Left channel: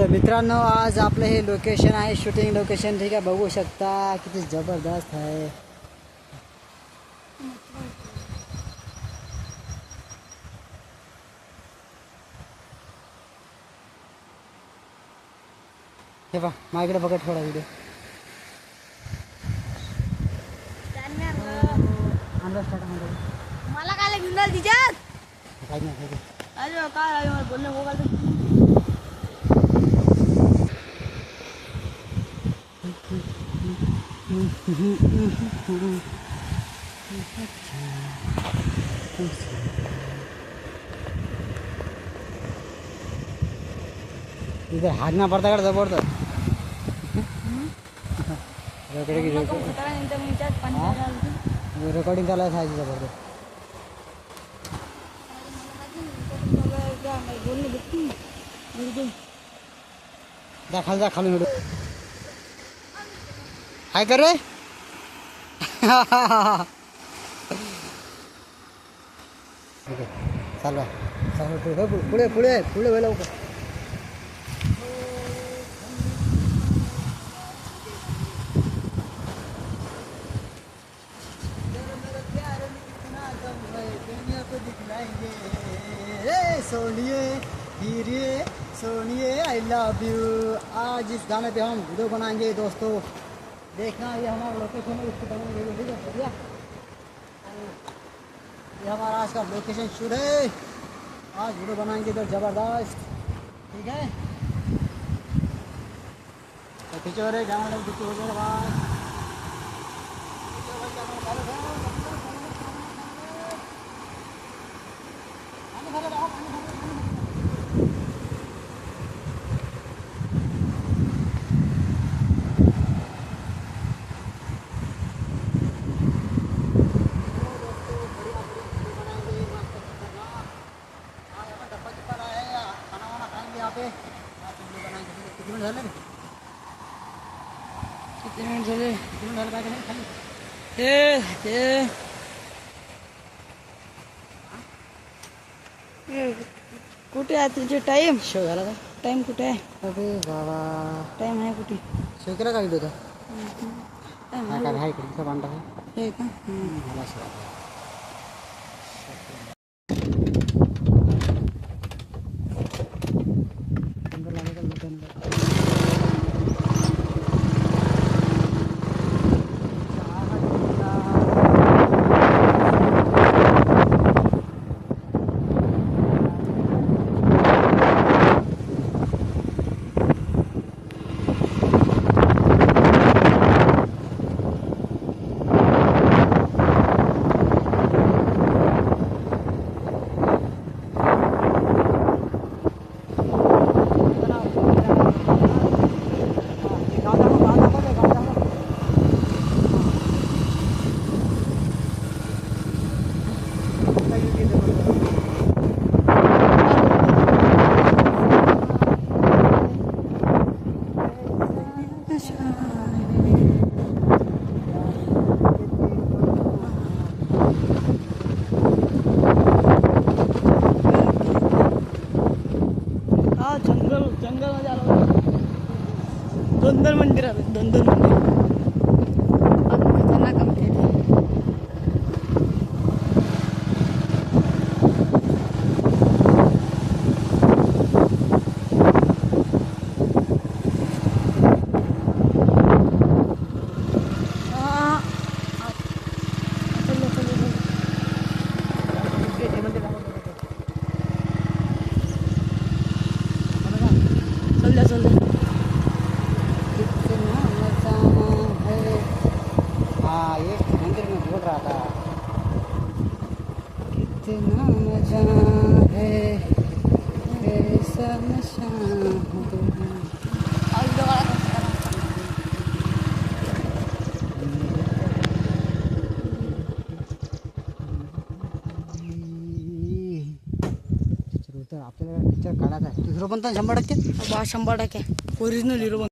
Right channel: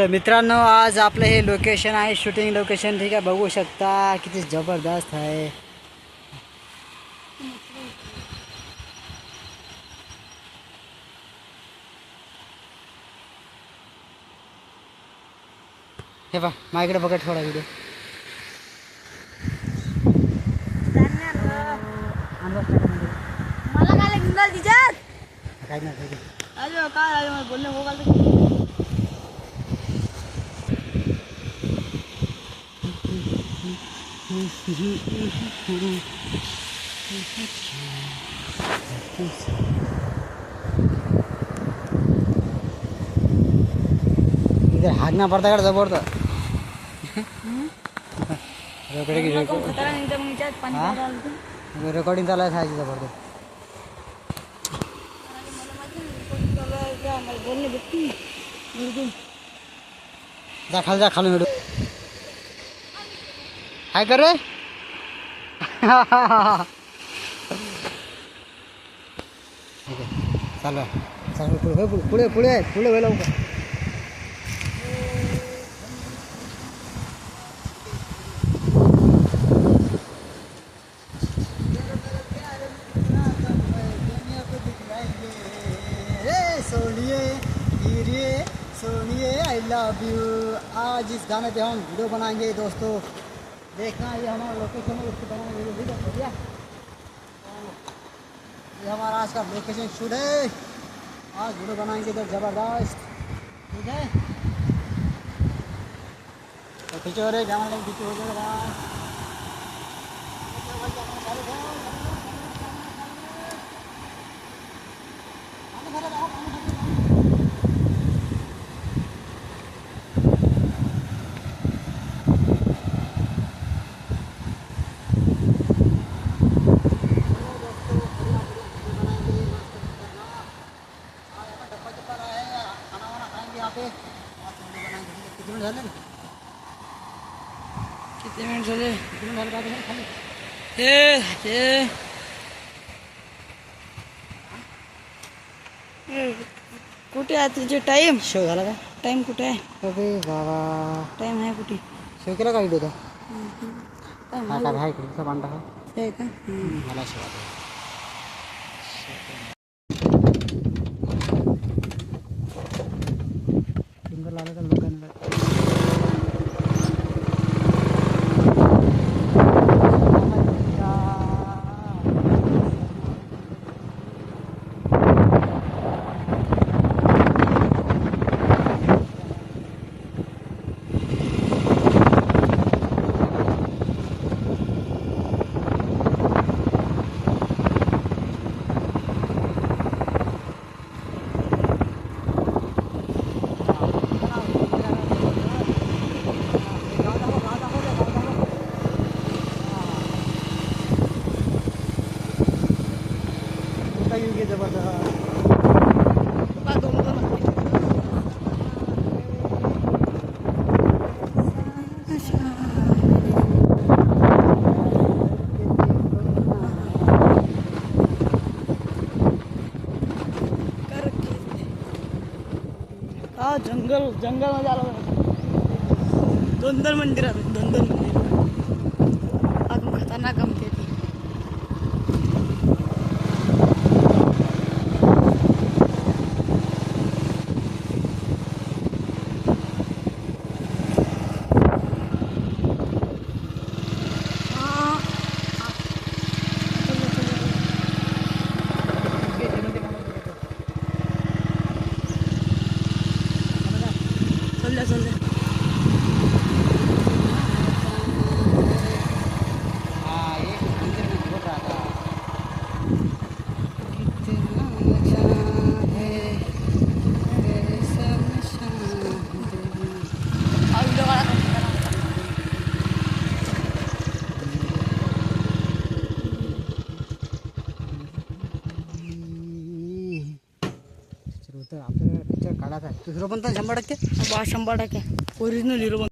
तर मित्रांनो आज आपलं हे लोकेशन आहे शूटिंग लोकेशन ठीक आहे बघू शकता किती जबरदस्त आहे। हे बघ माझ्याकडे बघा थोडा व्हिडिओ मला काय लागलं तिच्यात काय नाही अरे काय बोलणं हो इधर हागना पड़ता है जबरदस्त रेकॉर्डिंग चालू आहे खायची जबरदस्त जा खाली व्हिडिओ काय कर रे ओके चालू आहे चालू पुढे पुढे पुढे वेळ लवकर सोनिए हीरे सोनिए आई लव यू। आज इस गाने पे हम वीडियो बनाएंगे दोस्तों, देखना ये हमारा लोकेशन है, उसको बनाएंगे वीडियो ठीक है बढ़िया। ये हमारा आज का लोकेशन शूट है, आज वीडियो बनाएंगे इधर जबरदस्त ठीक है। तो खींचो रे कैमरा नहीं खींचो हो जाएगा किती मिनिट झाले खाली कुठे आहे तुझे टाइम शो झाला का टाइम कुठे आहे अरे बाबा टाइम आहे कुठे शो केला का व्हिडिओ टाइम हा का आहे इकडे पांडा आहे का मला शो आता जंगल जंगल मध्ये आलो दोन मंदिर आले दोन मंदिर खतरनाक गमते चल हाँ एक मंदिर में घूम रहा था कितना मजा है आपल्याला काढायचा दुसरं पण तर 100% 100% ओरिजिनल हिरो